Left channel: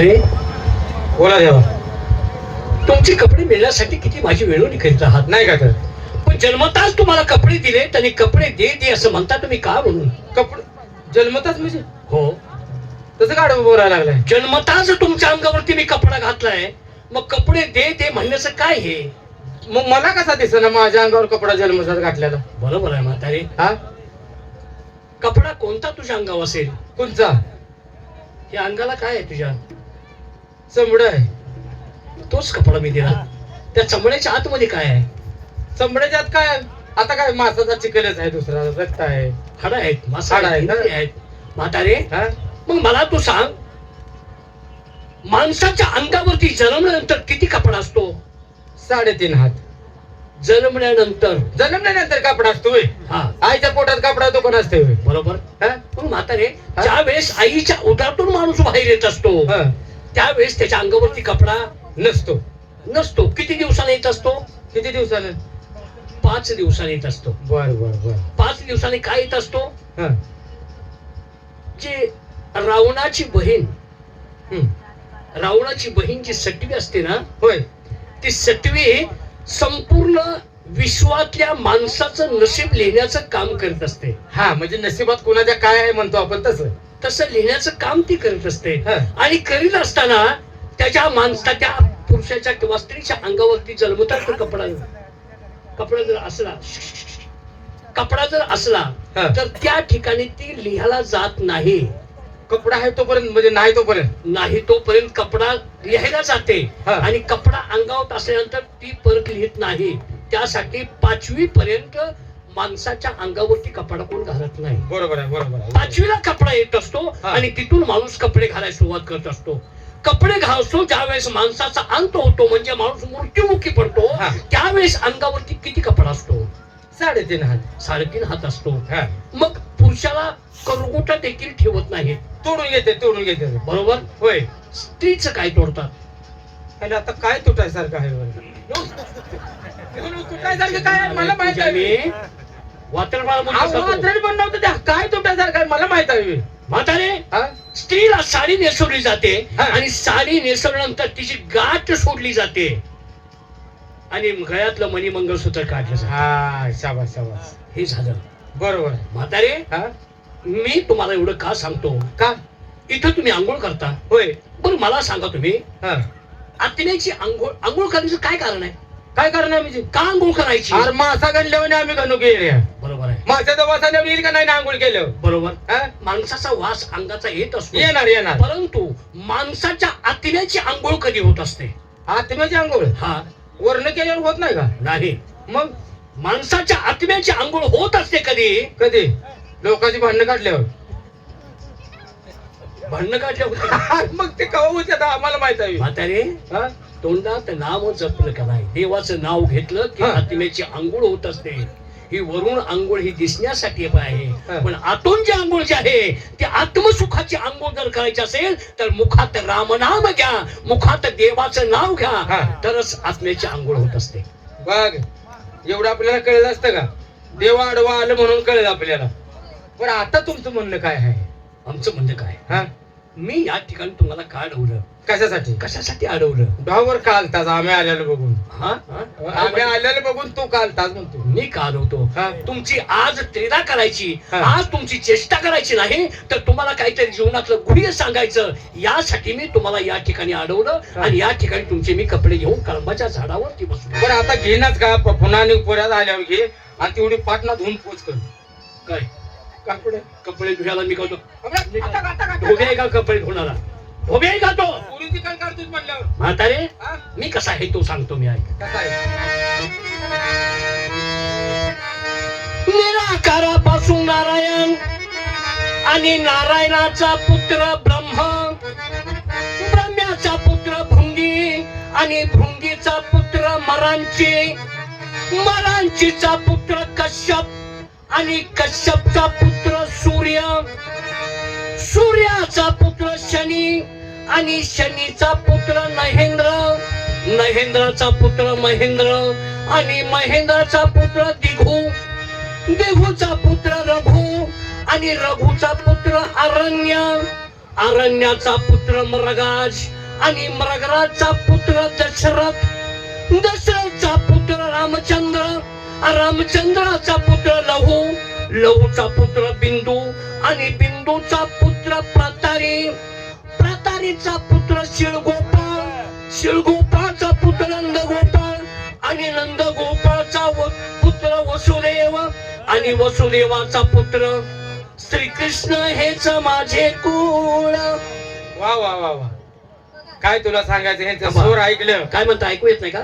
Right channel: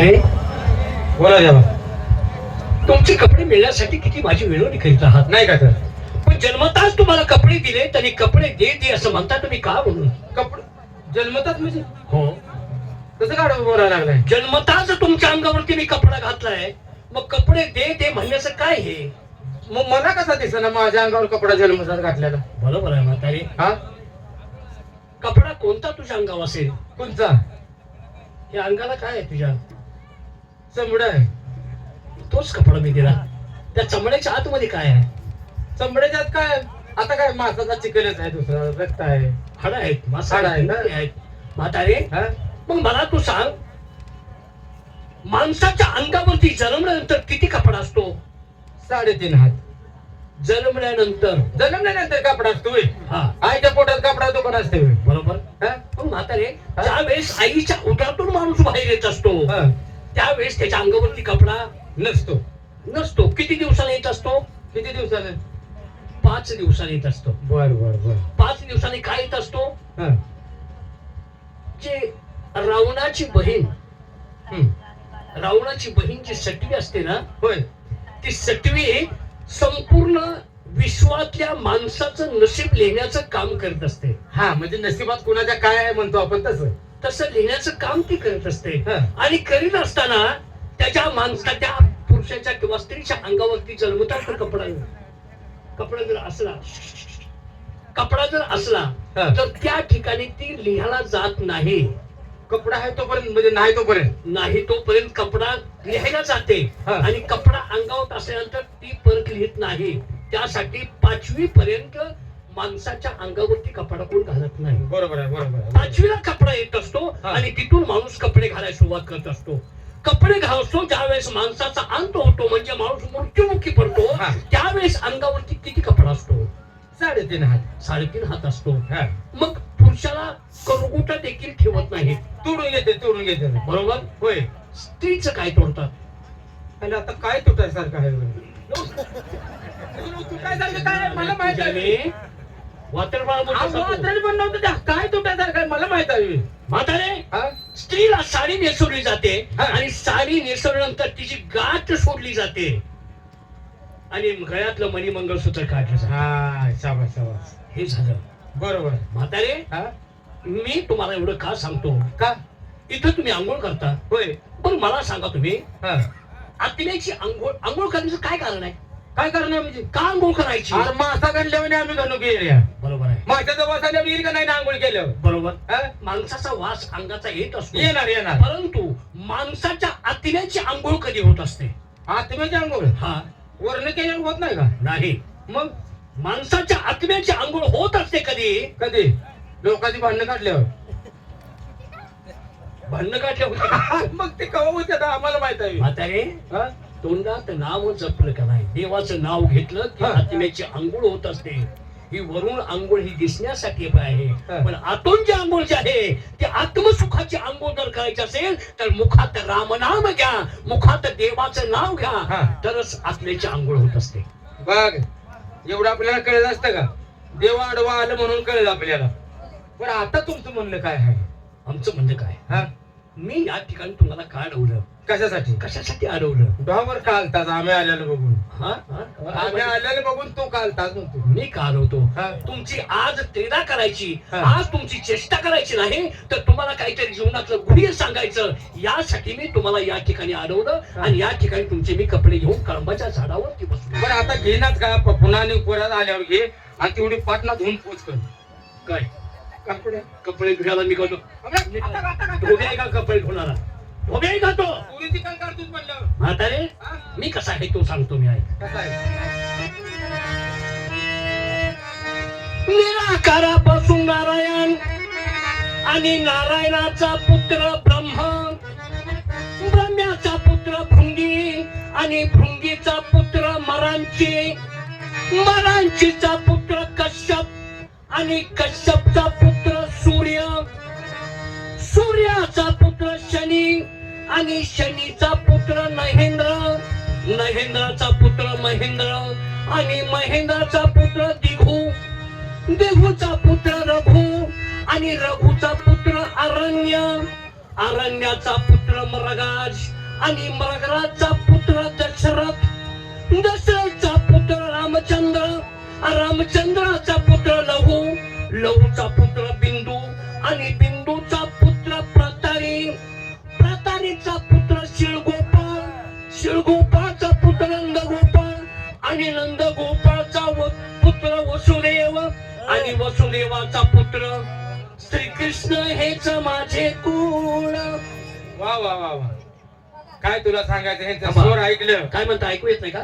म्हातारे बोला देवा तुमचे कपडे मिळण्यासाठी किती माझी वेळोनी करीत आहात नाही का तर पण जन्मताच तुम्हाला कपडे दिले आणि कपडे दे दे असं म्हणता तुम्ही का म्हणून? कपडे? जन्मताच म्हणजे हो. तसं काढ बोलायला लागलाय. जन्मताच तुमच्या अंगावरती मी कपडा घातलाय मग कपडे दे दे म्हणण्याचं काय हे? मग मला कसा दिसना माझ्या अंगावर कपडा जन्मताच घातलेला? बरोबर आहे म्हातारे. हा? कपडा कोणता तुझ्या अंगावर असेल? कोणचा? या अंगाला काय आहे तुझ्या चमडा आहे तोच कपडा मी दिला त्या चमड्याच्या आतमध्ये काय आहे चमड्याच्या आत काय आता काय मासाचा चिकलच आहे दुसरा रक्त आहे हाडं आहेत मासा हाडं आहेत, हा. म्हातारे मग मला तू सांग माणसाच्या अंगावरती जन्मल्यानंतर किती कपडा असतो साडेतीन हात जन्मल्यानंतर जन्मल्यानंतर कपडा असतो. हा आईच्या पोटात कपडा दुकान असते होय. बरोबर हा? पण म्हातारे? ज्या वेळेस आईच्या उदरातून माणूस बाहेर येत असतो. त्यावेळेस त्याच्या अंगावरती कपडा नसतो. नसतो. किती दिवसांनी येत असतो? किती दिवसानं पाच दिवसांनी येत असतो. बर बर बर. पाच दिवसांनी काय येत असतो? हा. जे रावणाची बहीण हम्म. रावणाची बहीण जी सटवी असते ना होय. ती सटवी संपूर्ण विश्वातल्या माणसाचं नशीब लिहिण्याचं काम करत असते. हा म्हणजे नशिबात कोणाच्या काय आहे म्हणतो आपण तसं. तसं लिहिण्याचं काम ती करत असते. आणि करीत असताना त्याच्या माणसा त्या पुरुषाच्या किंवा स्त्रीच्या अंगावरती जन्मतात तर कपडा कपडा जर असला कपडा जर असला. तर त्या ठिकाणी ती लिहायला जात नाही कपडा आहे तोपर्यंत म्हणजे नाही तोपर्यंत नाही तोपर्यंत कपडा लिहायला जाते. आणि कपडा अंगावर असल्यानंतर ती परत लिहित नाही त्यासाठी पाचवी पर्यंत माणसाच्या अंगावरती कपडा कोण घालत नाही. बरोबर आहे बरोबर आहे. पाचवीला कपडा येत असतो. आणि तिथून माणूस कपडे घालायला सुरुवात करत असतो. कपडे घालतो ज्यावेळेस माणसाचा अंत होतो म्हणजे माणूस मृत्युमुखी पडतो. त्यावेळेस अंगावरती किती कपडा असतो? साडेतीन हात. साडेतीन हात असतो. मग पुरुषाला करगोटा देखील ठेवत नाही. तोडून घेते तोडून घेते. बरोबर? होय. स्त्रीचं काय तोडतात? आणि आता काय तुटायसारखं आहे? तुटायसारखं काय? मला माहीत आहे. वात्रपाळ पण नव्हतं. काय तुटायसारखं आहे? मला माहीत आहे. म्हातारे हा? स्त्रीला साडी नेसवली जाते हा. आणि साडी नेसवल्यानंतर तिची गाठ सोडली जाते. आणि गळ्यातलं मणी मंगळसूत्र काढलं जातं. हा शाबास शाबास. हे झालं. बरोबर. आहे. म्हातारे हा? मी तुम्हाला एवढं का सांगतो? का? इथं तुम्ही आंघोळ करता. होय. बरं मला सांगा तुम्ही हा. आत्म्याची आंघोळ आंघोळ करण्याचं काय कारण आहे? काय करणार म्हणजे? का आंघोळ करायची? अरे मासा गणल्यावर आम्ही घालू गेले माशाचा वास आल्यावर येईल का नाही ना आंघोळ केल्यावर बरोबर? माणसाचा वास अंगाचा येत असतो. येणार येणार. परंतु माणसाच्या आत्म्याची आंघोळ कधी होत असते? आत्म्याची आंघोळ? हा. वर्ण केल्यावर होत नाही का? नाही. मग? माणसाच्या आत्म्याची आंघोळ होत असते कधी? कधी? लोकांची भांडणं काढल्यावर. भांडणं काढले होते मग ते कवा होते आम्हाला माहीत आहे. म्हातारे? तोंडात नाव जपलं का नाही? देवाचं नाव घेतलं की. आत्म्याची आंघोळ होत असते. ही वरून आंघोळ ही दिसण्यासाठी आहे. पण आतून जी आंघोळ जी आहे ती आत्मसुखाची आंघोळ जर करायची असेल तर मुखात रामनाम घ्या मुखात देवाचं नाव घ्या. तरच आत्म्याची आंघोळ होत असते. बघ एवढं आपल्याला कळलं असतं का? देवा आडवा आलं म्हणून कळलं आपल्याला. पण आता तुमचं म्हणणं काय आहे? आमचं म्हणणं काय हा? मी या ठिकाणी तुम्हाला का अडवलं? कशासाठी? कशासाठी अडवलं? डॉवर का आलताच आम्ही आलेलं बघून. हा? आम्ही आलेलं बघून तू का आलताच म्हणतो मी का आलवतो? हा? तुमची आज क्रीडा करायची हा. आज तुमची चेष्टा करायची नाही तर तुम्हाला काहीतरी जीवनातलं गुढी सांगायचं. यासाठी मी तुम्हाला या ठिकाणी अडवलं हा. आणि या ठिकाणी तुमचे मी कपडे घेऊन कर्माच्या झाडावरती बसलो. पण आता घेणार का? पुन्हा आणि उपरात आल्यावर घे. आणि तेवढी पाटणा धुवून पोच कर. काय? कपडे धुवायला मी करतो धोबे का कपडे धुणारा? धोबे का तो? पोरीची काल काढतोस म्हणल्यावर. म्हातारे? मी कसा आहे तो सांगतो मी ऐक. निराकारापासून नारायण आणि नारायणाचा पुत्र ब्रह्म ब्रह्म्याचा पुत्र भृंगी आणि भृंगीचा पुत्र मरांची मरांचीचा पुत्र कश्यप. आणि कश्यपचा पुत्र सूर्य. सूर्याचा पुत्र शनी आणि शनीचा पुत्र महेंद्र महेंद्राचा पुत्र महेंद्र आणि महेंद्राचा पुत्र दिघू. दिघूचा पुत्र रघु आणि रघुचा पुत्र अरण्य अरण्याचा पुत्र मृगाज आणि मृगराजचा पुत्र दशरथ. दशरथचा पुत्र रामचंद्र रामचंद्राचा पुत्र लहू लहूचा पुत्र बिंदू आणि बिंदूचा पुत्र प्रतारी. प्रतारीचा पुत्र शिळगोपाळ शिळगोपाळचा पुत्र नंदगोपाळ आणि नंदगोपाळचा व- पुत्र वसुदेव आणि वसुदेवाचा पुत्र. श्रीकृष्ण हेच माझे कुळ. वा वा वा वा. काय तुला सांगायचं? स्वर ऐकलं. काय म्हणता? ऐकू येत नाही का?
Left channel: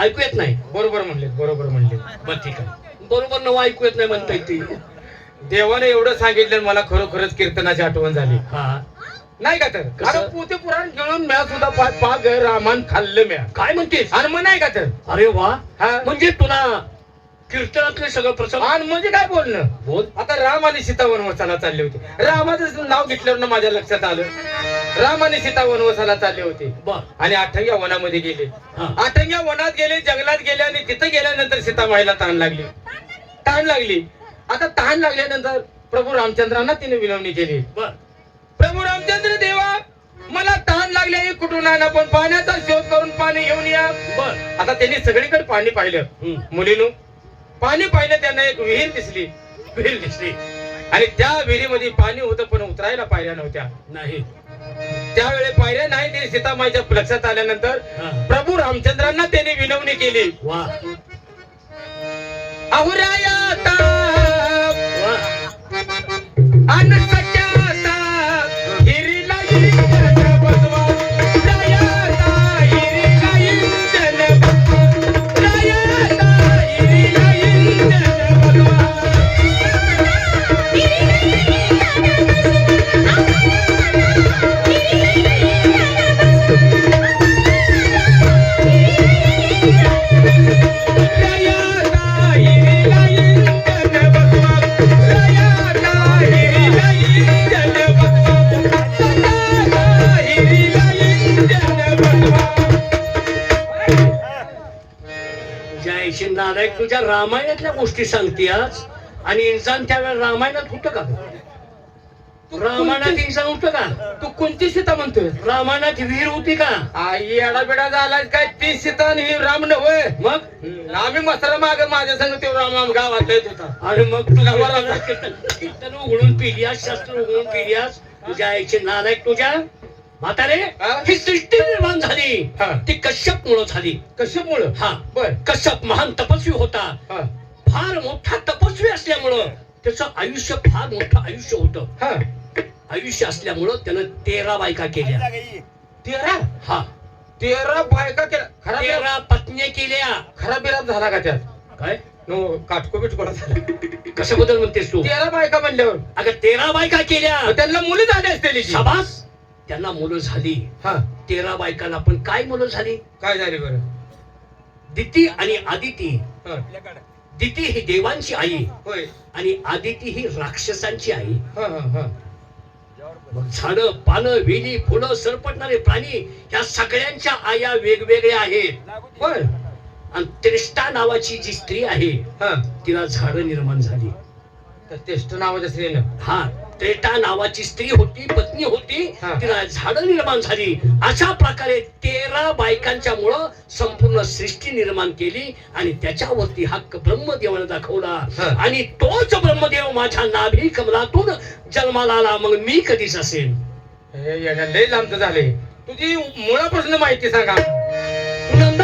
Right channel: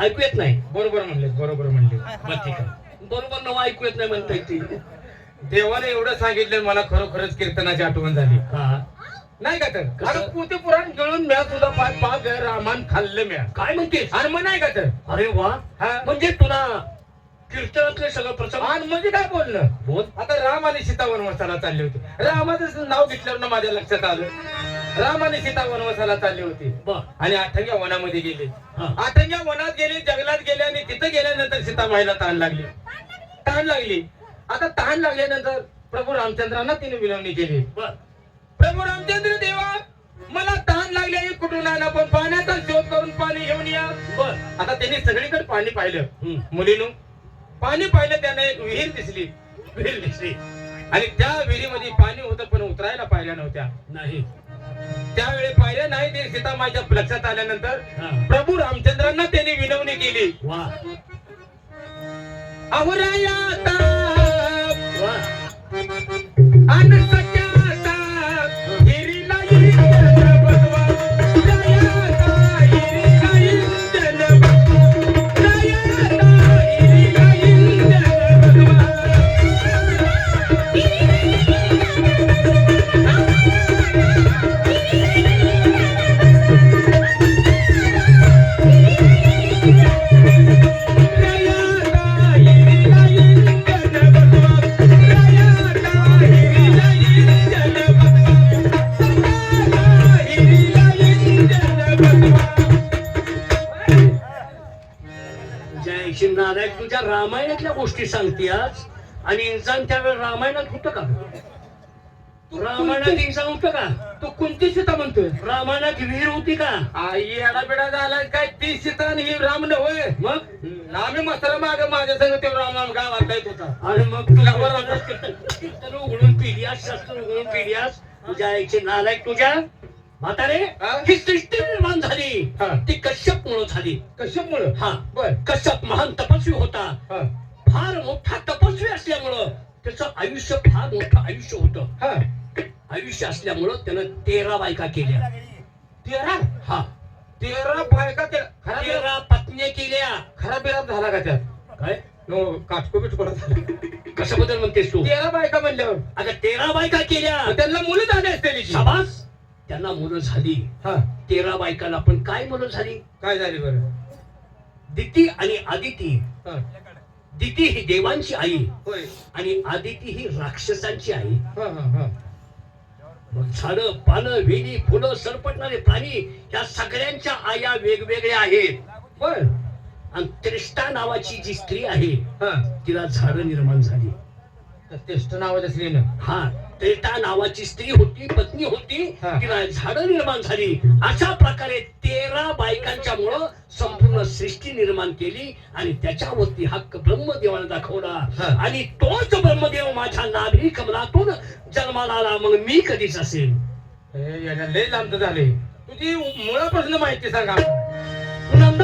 ऐकू येत नाही. बरोबर म्हणले बरोबर म्हणले. बरं ठीक आहे. बरोबर नव ऐकू येत नाही म्हणता येते देवाने एवढं सांगितलं मला खरोखरच कीर्तनाची आठवण झाली. हा. नाही का तर? अरे पोते पुराण गिळून म्या सुद्धा पाच पाच रामान खाल्लं म्या. काय म्हणतेस? मग नाही का तर? अरे वा. हा. म्हणजे तुला कीर्तनातले सगळं प्रसंग? आणि म्हणजे काय बोलणं? बोल. आता राम आणि सीता वनवासाला चालले होते. रामाचं नाव घेतल्यावर ना माझ्या लक्षात आलं. राम आणि सीता वनवासाला चालले होते. आणि आठव्या वनामध्ये गेले. आठव्या वनात गेले जंगलात गेले आणि तिथं गेल्यानंतर सीताबाईला ताण लागली. ताण लागली. आता ताण लागल्यानंतर प्रभू रामचंद्रांना तिने विनवणी केली. प्रभू रामचंद्र देवा मला ताण लागले कुठून आणा पण पाण्याचा शोध करून पाणी घेऊन या. आता त्यांनी सगळीकडे पाणी पाहिलं. मुलीनु पाणी पाहिलं त्यांना एक विहीर दिसली. विहीर दिसली. आणि त्या विहिरीमध्ये पाणी होतं पण उतरायला पायऱ्या नव्हत्या. नाही. त्यावेळी पायऱ्या नाही ते सीतामाईच्या लक्षात आल्यानंतर. प्रभू रामचंद्रांना त्यांनी विनवणी केली. अहुराया रामायणातल्या गोष्टी सांगतेस आणि इंसान त्यावेळेस रामायणात होतं का? रामायणात इंसान होतं का? तू कोणती सीता म्हणतोय? रामायणात विहीर होती का? आई एडाबिडा झाला काय? ती सीता आणि ही राम नव्हे. मग? आम्ही मसाला माग माझ्या संग तो राम गावात येत होता. अरे मग तुला कीर्तन उघडून पिढियास शास्त्र उघडून पिढियास तुझ्या आईचे नालायक तुझ्या? म्हातारे हा? सृष्टी निर्माण झाली. ती कश्यप मुळे झाली. कशामुळं हा. बर. कश्यप महान तपस्वी होता. फार मोठा तपस्वी असल्यामुळं त्याचं आयुष्य फार मोठं आयुष्य होतं. हा. आयुष्य असल्यामुळं त्यानं तेरा बायका केल्या. तेरा? हा. तेरा बायका केला खरा तेरा पत्न्या केल्या. खरा बिराप झाला का त्यात? काय? नो काटको बिटको झाला. कशाबद्दल म्हणतेस तू? तेरा बायका म्हणल्यावर. अगं तेरा बायका केल्या. त्यांना मुलं झाली असते शाबास. त्यांना मुलं झाली. हा. तेरा बायकांना पण काय मुलं झाली? काय झाले बरं? दिती आणि आदिती. हा. दिती ही देवांची आई. होय. आणि आदिती ही राक्षसांची आई. हा हा हा. मग झाडं पानं वेली फुलं सरपटणारे प्राणी या सगळ्यांच्या आया वेगवेगळ्या आहेत. आणि त्रिष्टा नावाची जी स्त्री आहे हा. तिला झाडं निर्माण झाली. त्या तेष्ट नावाच्या स्त्रीनं. हा. त्रेटा नावाची स्त्री होती पत्नी होती. तिला झाडं निर्माण झाली. अशा प्रकारे तेरा बायकांच्या मुळे संपूर्ण सृष्टी निर्माण केली आणि त्याच्यावरती हक्क ब्रह्मदेवाने दाखवला. आणि तोच ब्रह्मदेव माझ्या नाभी कमलातून जन्माला आला. मग मी कधीच असेल लय लांब झाले. तुझी मुळापासून माहिती सांगा. नंद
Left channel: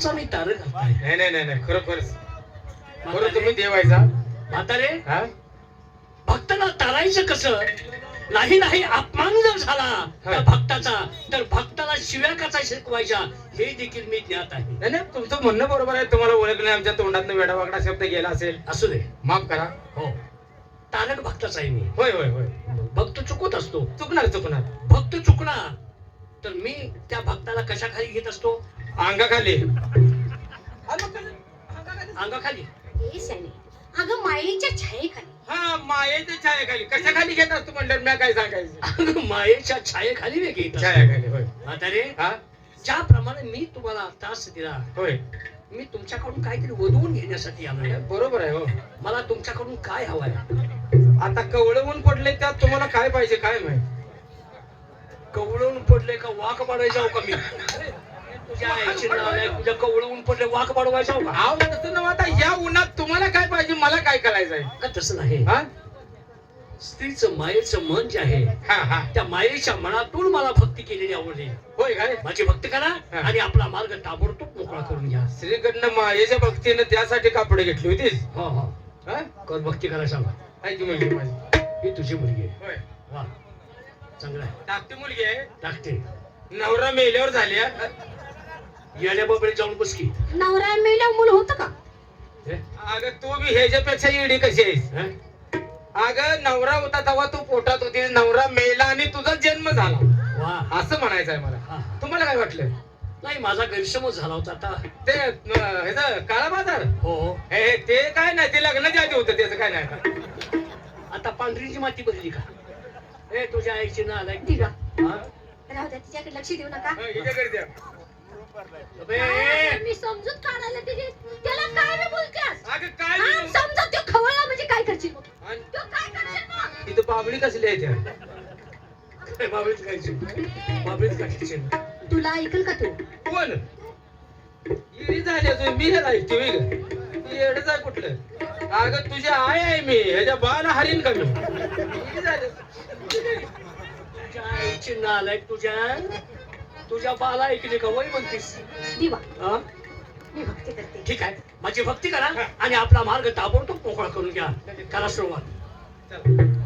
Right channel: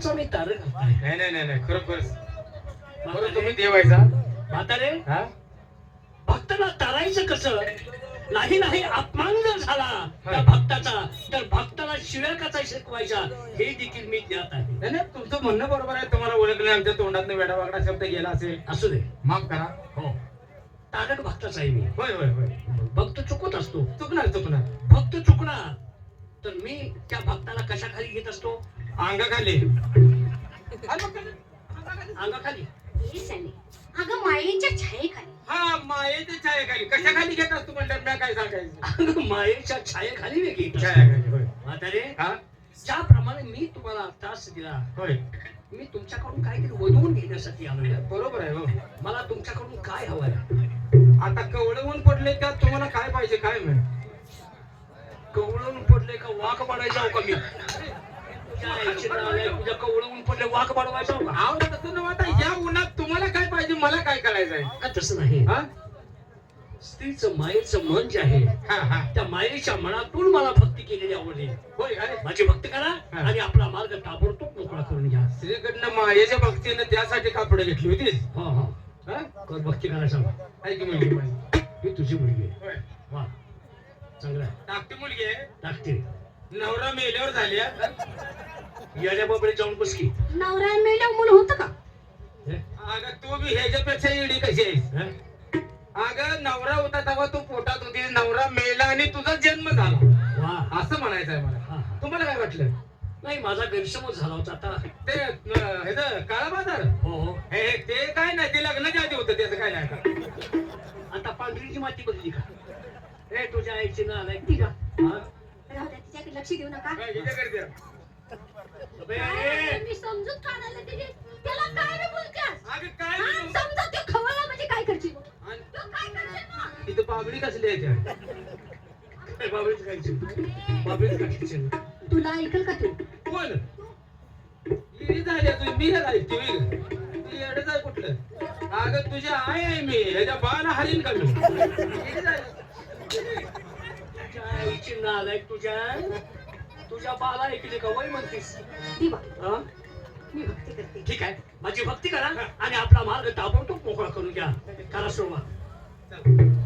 भक्तांचा मी तारक नाही नाही नाही नाही खरोखरच खरं. तुम्ही देवायचा. म्हातारे, हा? भक्ताला तारायचं कसं? नाही नाही अपमान जर झाला त्या. भक्ताचा तर भक्ताला शिव्या कसा शिकवायच्या हे देखील मी ज्ञात आहे. नाही नाही तुमचं म्हणणं बरोबर आहे. तुम्हाला ओळख नाही आमच्या तोंडातनं वेडावाकडा शब्द गेला असेल. असू दे. माफ करा. हो. तारक भक्ताचा आहे मी. होय होय होय. भक्त चुकत असतो. चुकणार चुकणार. भक्त चुकणार. तर मी त्या भक्ताला कशा खाली घेत असतो? अंगाखाली. अंगाखाली. हे सनी अगं मायेच्या छायेखाली. हा मायेच्या छायाखाली. कशा खाली घेत असतो म्हणलं मी काय सांगायचं? अंग मायेच्या छायेखाली मी घेत. असतो छायाखाली होय. म्हातारे हा? ज्याप्रमाणे मी तुम्हाला त्रास दिला होय. मी तुमच्याकडून काहीतरी वधवून घेण्यासाठी आलोय. बरोबर आहे हो. मला तुमच्याकडून काय हवंय? आता कवळवून पडले त्यात तुम्हाला काय पाहिजे काय माहिती? कवळवून पडले का वाघ पडायचं का मी? पडले वाघ पडवायचं का आव तसं नव्ह आता या उन्हात तुम्हाला काय पाहिजे मला काय करायचं आहे का तसं नाही हा स्त्रीचं मायेचं मन जे आहे हा. हा त्या मायेच्या मनातून मला भक्ती केलेली आवडली होय काय माझी भक्ती करा हा. आणि आपला मार्ग ताबडतोब मोकळा करून घ्या. श्रीकडनं मायेच्या भक्तीनं त्यासाठी कापडे घेतली होती. हो हो. हा? कर भक्ती करा सांग? आहे की मुलगी माझी ही तुझी मुलगी आहे. होय. वा. चांगलं आहे. धाकटी मुलगी आहे. लागते नवरा मेल्यावर झाली हा. येण्या बाबडे जाऊन बस की. नवरा मेल्या मुलं होतं का? हे? अगं तू बी ह्याच्यापेक्षा इडी कशी आहेस? अगं नवरा होता तेव्हा तू पोटात होती नवरा मेला आणि तुझा जन्म झाला. वा असं म्हणायचं आहे मला. तुम्हाला काय वाटलं? नाही माझा गैरसमज झाला होता आता. ते ह्याचं काळा बाजार हो. हो हे ते काय नाही ते लग्नाच्या आधी होतं त्याचं काय नाही. आता पांढरीची माती बदली का? ए तुझ्या आईची ना आलाय ती का? हा? राहू द्या तिच्याकडे लक्ष देऊ नका. मी समजूत काढायला तिथे त्याला काय मी बोलतेस अगं काय नाही. समजा तो खवळला म्हणजे काय करशील मग? आणि तो काय करशील मग? तिथं बाबडी कसली आहे त्या? काय बाबळीच खायची? बाबळीच खायची तुला ऐकल का तू? कोण? इडी झाली तू मी हे? ती येडच आहे कुठलं? अगं तुझी आई आहे मी. ह्याच्या बाला हरीन का मी? इडी झाली तुझ्या आईची नालायक तुझ्या? तुझ्या बाला ऐकली का? वय म्हणतीस. दिवा. हा? मी भक्ती करते. ठीक आहे. माझी भक्ती करा आणि आपला मार्ग ताबडतोब मोकळा करून घ्या. करा सुरुवात. चल.